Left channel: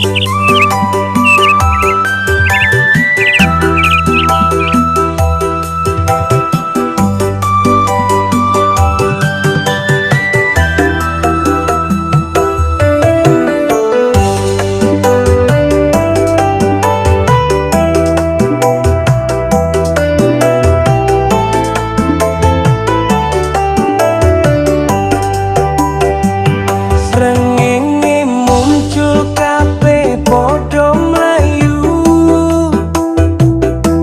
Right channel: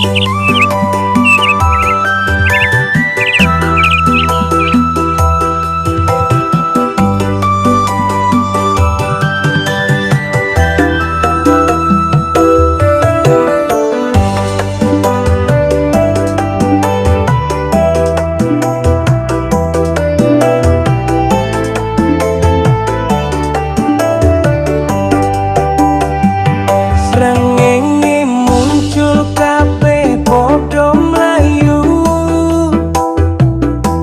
Srengenge muncul kabeh padha mlayu,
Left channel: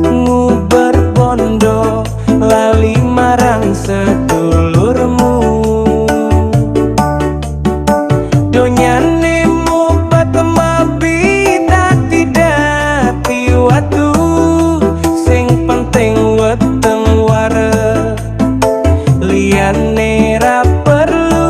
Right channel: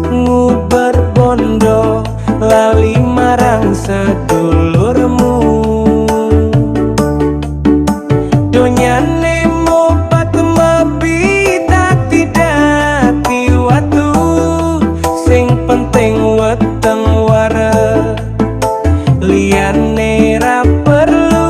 nguber bondo lali marang sedulurmu. Donyane mobat mabi dadi dadi watu, sing penting weteng wareg liyane ra perlu.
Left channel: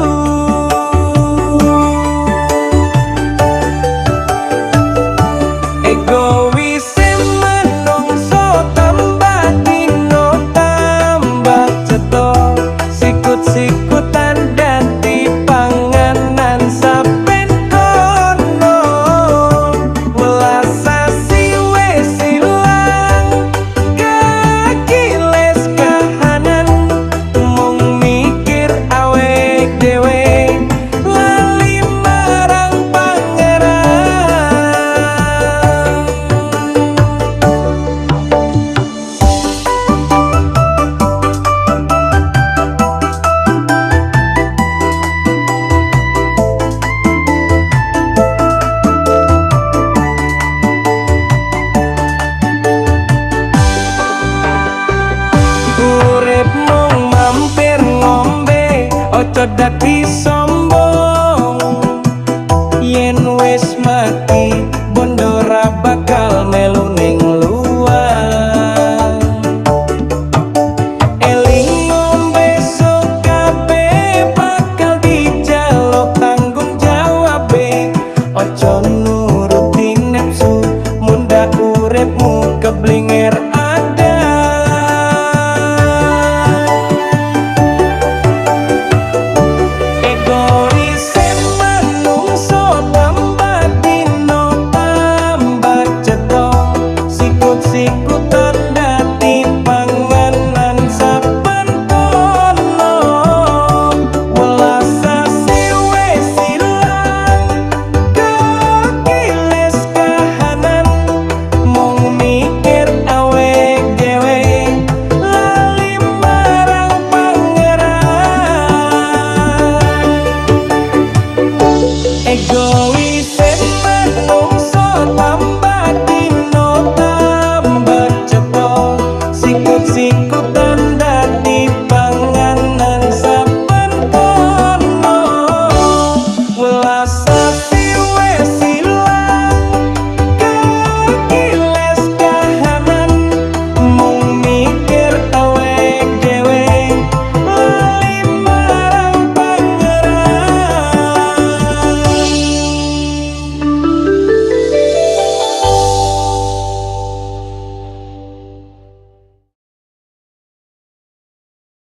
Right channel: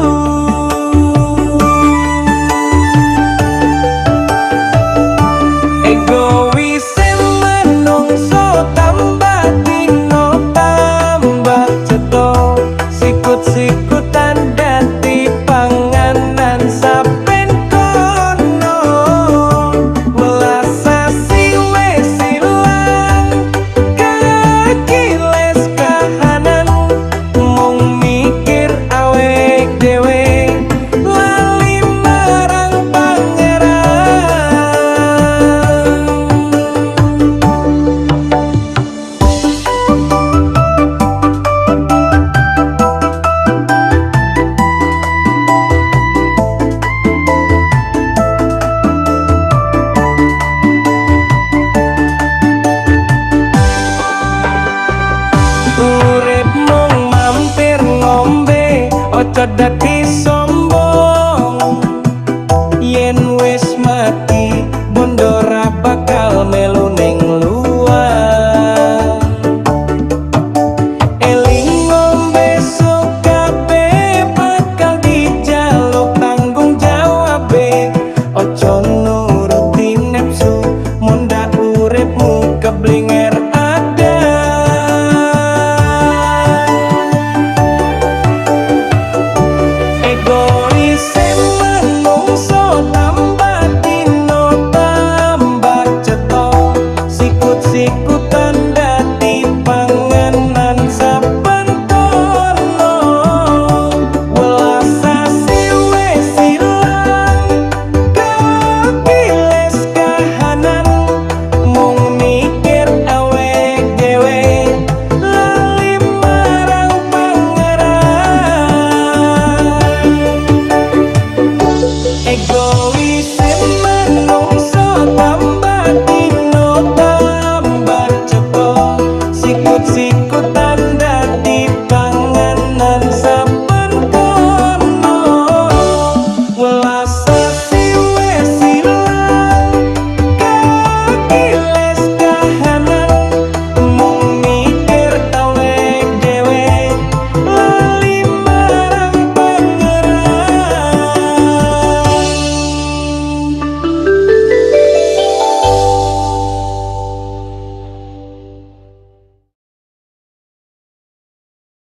Egoise menungso tambah dino tambah cetha, sikut-sikutan dadi panganan saben kono. Welas sasi wis ilang kekiles kahanan, mung mikir awake dhewe lali marang pangeran. Urip mung mampir ngombe, ojo dadi sombong. Yen wis mati bondo ra bakal melu ning luang. Eling ngombe sok kabeh bakal dijaluk tanggung jawabe. Ojo nuruti nafsu, munda uripmu keblinger ada. Egoise menungso tambah dino tambah cetha, sikut-sikutan dadi panganan saben kono. Welas sasi wis ilang kekiles kahanan, mung mikir awake dhewe lali marang pangeran. Egoise menungso tambah dino tambah cetha, sikut-sikutan dadi panganan saben kono. Welas sasi wis ilang kaki